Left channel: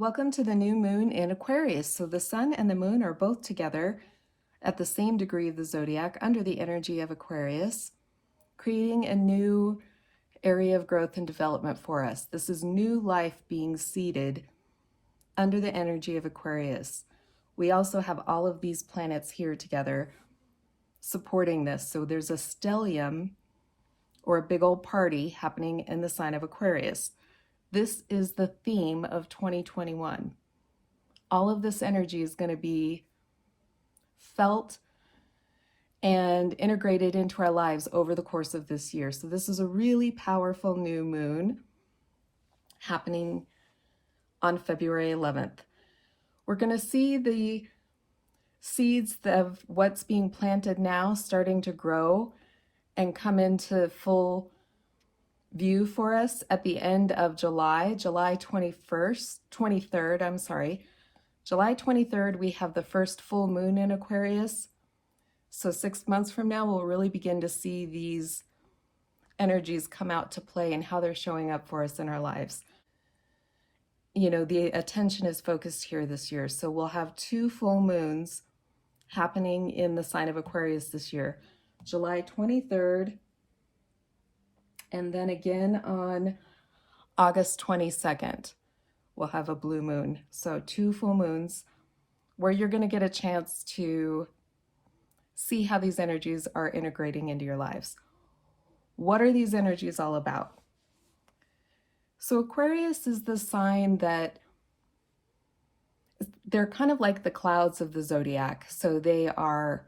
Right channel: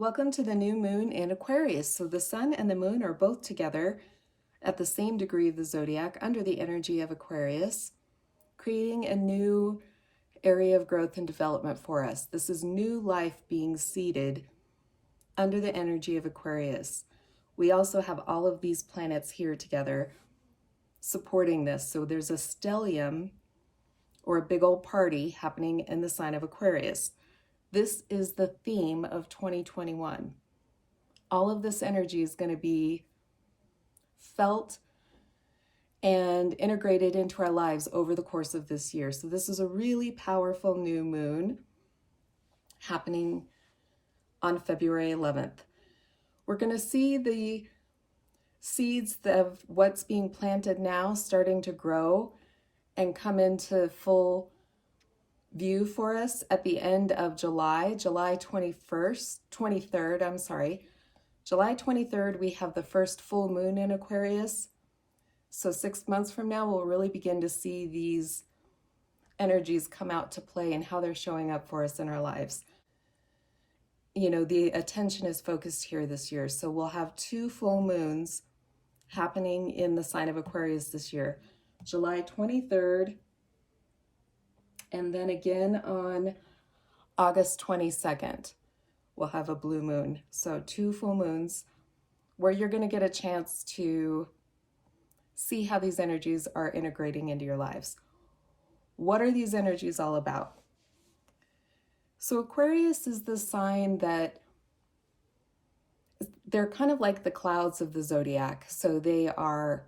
Welcome to the new moon in Aquarius. So the sun and the moon are both together at the same degree of the zodiac under the energy of Aquarius, creating a new area of growth and development for us. This is new life being seeded under the energy of Aquarius. We also have all of these planets here together supporting this. So there's a stellium, or a big old party, happening in the sign of Aquarius. This is the theme of 2021. All of this energy is going to be felt and integrated into our lives over the course of this year. So this is a really powerful new moon happening on February 11th. We're going to see the seeds of what's being planted now starting to grow and come into full view for us at the end of July 23rd. July 23rd, we have the first full moon in Aquarius. So 6 months from now, we'll really begin to see these energies come out to play and how they're showing up for us in our lives. You know, the attention is focused here this year. So we'll have 2 full moons happening in the sign of Aquarius this year. July 23rd, and then again on August 22nd, we'll have a blue moon. So 2 full moons where you're going to get a chance to see how these energies are integrating into your lives. What are these energies all about? So Aquarius is the sign that they're kind of like the clouds of the zodiac. So they are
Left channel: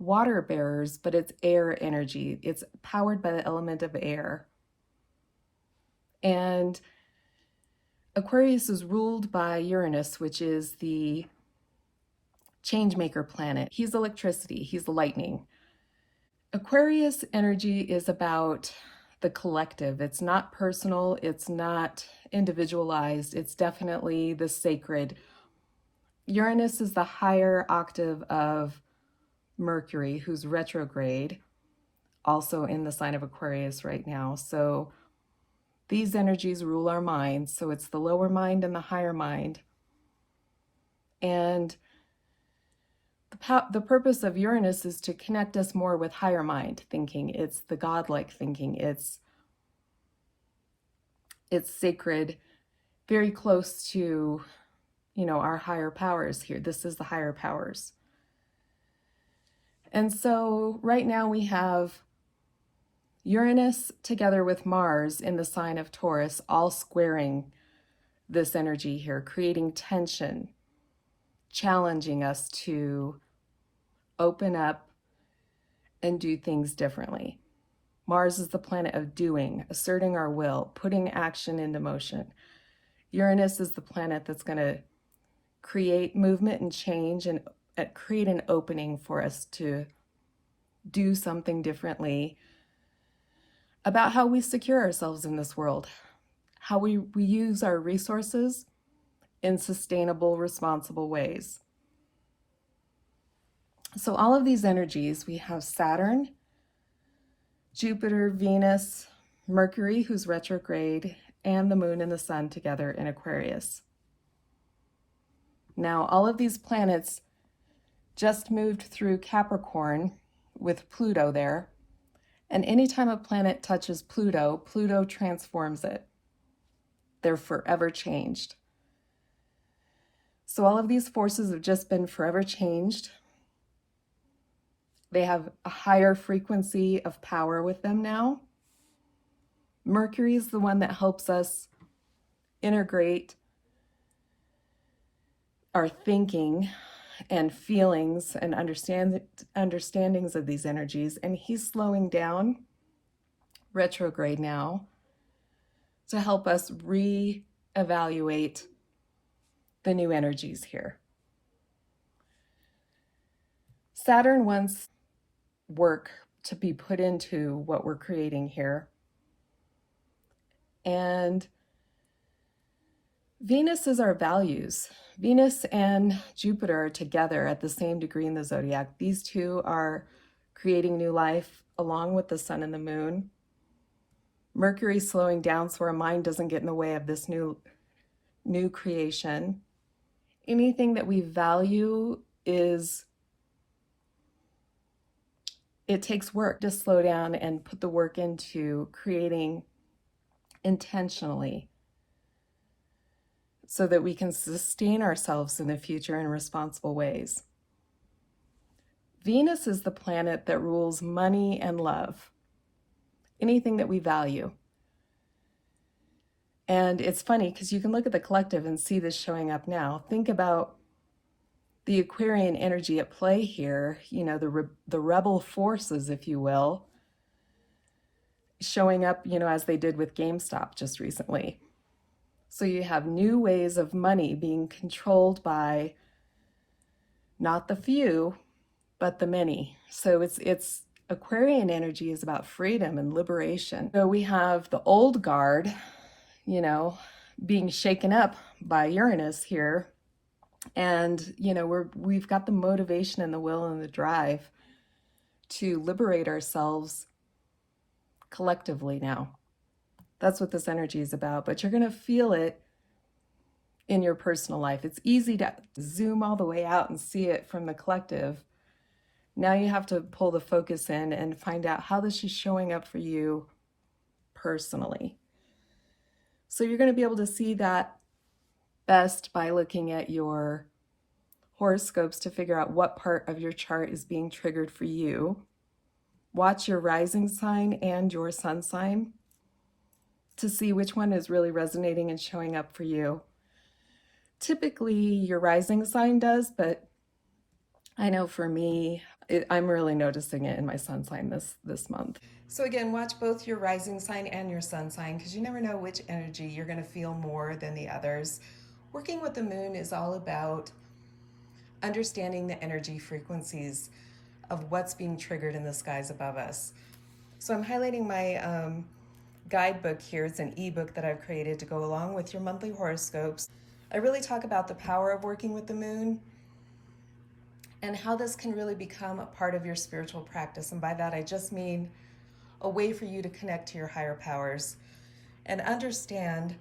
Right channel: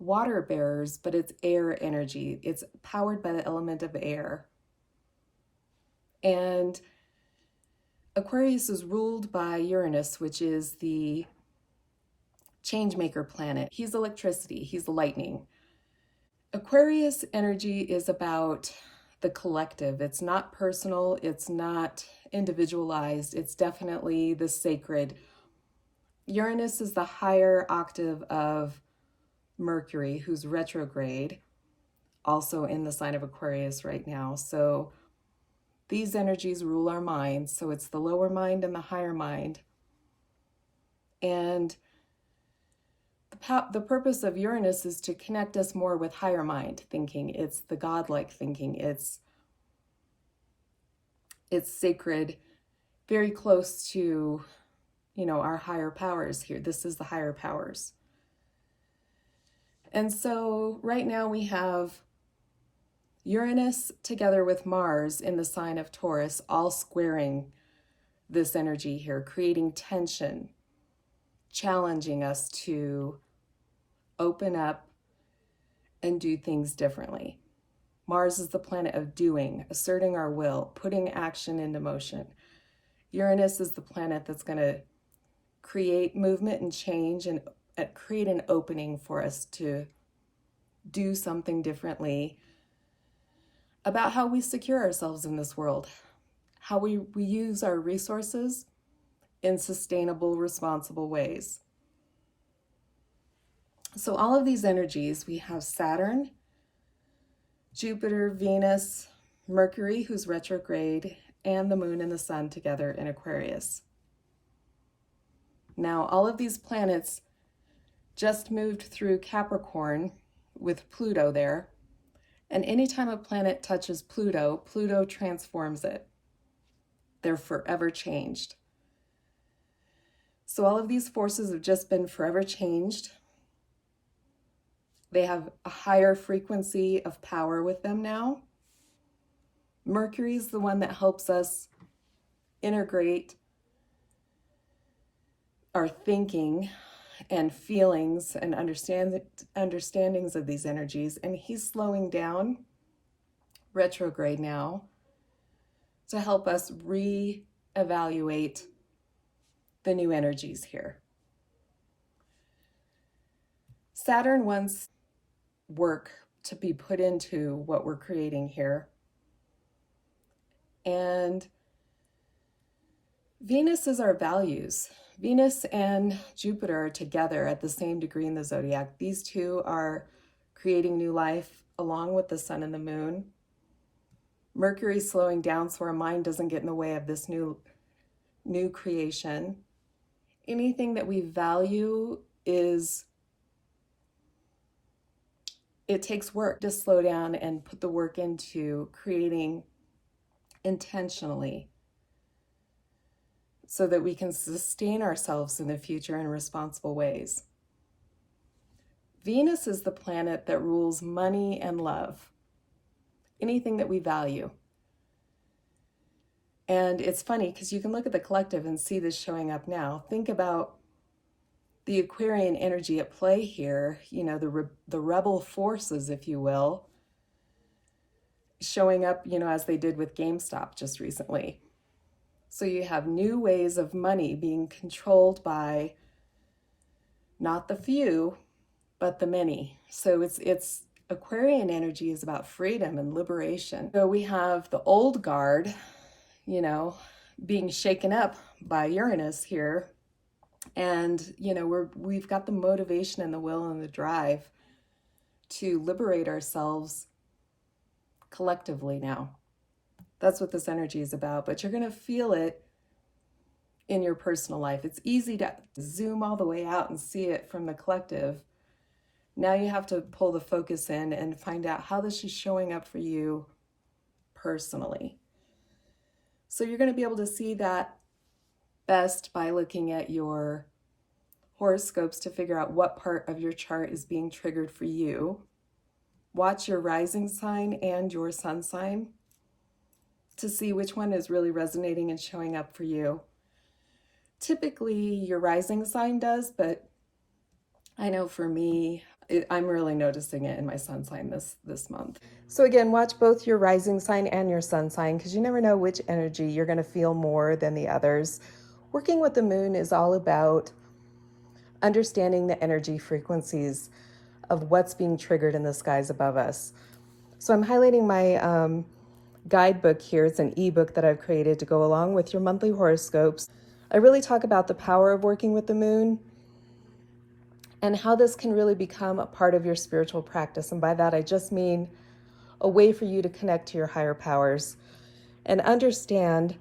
water bearers, but it's air energy. It's powered by the element of air. And Aquarius is ruled by Uranus, which is the changemaker planet. He's electricity, he's lightning. Aquarius energy is about the collective. It's not personal, it's not individualized, it's definitely the sacred. Uranus is the higher octave of Mercury, who's retrograde, also in the sign of Aquarius right now. So these energies rule our minds. So it's the lower mind and the higher mind. And the purpose of Uranus is to connect us more with higher mind thinking. It's the godlike thinking. It's sacred, very close to, you know, our higher powers here. This is the higher powers. And so right now we have Uranus together with Mars in the sign of Taurus, all squaring this energy here, creating tension, challenging us to open up and do things differently. Mars is the planet of doing, asserting our will, putting action into motion. Uranus is the planet that's going to create movement and change and create an opening for us to do something differently about how we secure ourselves in this world, how we use our resources in sustainable, responsible ways. So all of these energies, we have Saturn, Jupiter, Venus, Mercury, who's retrograde, and the moon and the sun together in Aquarius. Now, all of these planets just moved through Capricorn with Pluto there. And anytime a planet touches Pluto, Pluto transforms it. They're forever changed. So all of these forces have just been forever changed. They have a higher frequency of power with them now. Mercury is the one that helps us integrate our thinking and feelings and understandings of these energies, and he's slowing down, retrograde now, to help us re-evaluate the new energies here. Saturn wants work to be put into what we're creating here, and Venus is our values. Venus and Jupiter are together at the same degree in the zodiac. These two are creating new life along with the sun and the moon. Mercury's slowing down so our mind doesn't get in the way of this new new creation. Anything that we value it takes work to slow down and put the work into creating intentionally so that we can sustain ourselves in the future in responsible ways. Venus is the planet that rules money and love, anything that we value. And it's funny because you can look at the collective and see this showing up now. Think about the Aquarian energy at play here, you know, the rebel forces, if you will, showing up, you know, as they did with GameStop just recently. So you have new ways of money being controlled by not the few, but the many. So it's Aquarian energy is about freedom and liberation. So we have the old guard, you know, being shaken up by Uranus here. And, you know, we've got the motivation and the will and the drive to liberate ourselves collectively now. That's what this energy is about, but you're going to feel it in your personal life. It's easy to zoom all the way out and see it from the collective. Now you have to pull the focus in and find out how this is showing up for you personally. So you're going to be able to see that best by looking at your horoscopes to figure out what part of your chart is being triggered for you. Watch your rising sign and your sun sign to see which one is really resonating and showing up for you. Typically your rising sign does, but I know for me, I'm really noticing it in my sun sign this month. So again, watch both your rising sign and your sun sign because you never know which energy you're going to feel more than the others. Working with the moon is all about understanding the energy frequencies of what's being triggered in the skies above us. So I'm highlighting my guidebook here. It's an ebook that I've created to go along with your monthly horoscopes. I really talk about the power of working with the moon and how this can really become a part of your spiritual practice. And by that, I just mean a way for you to connect to your higher powers and understand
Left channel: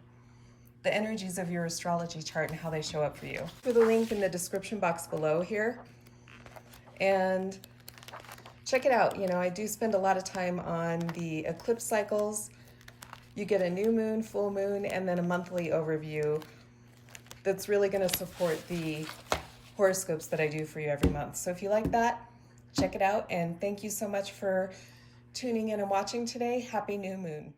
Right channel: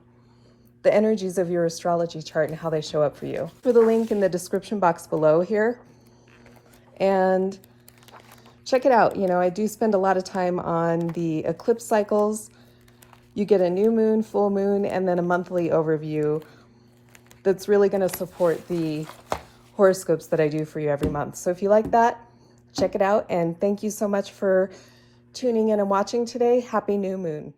the energies of your astrology chart and how they show up for you. For the link in the description box below here, and check it out. You know, I do spend a lot of time on the eclipse cycles. You get a new moon, full moon, and then a monthly overview that's really going to support the horoscopes that I do for you every month. So if you like that, check it out. And thank you so much for tuning in and watching today. Happy new moon.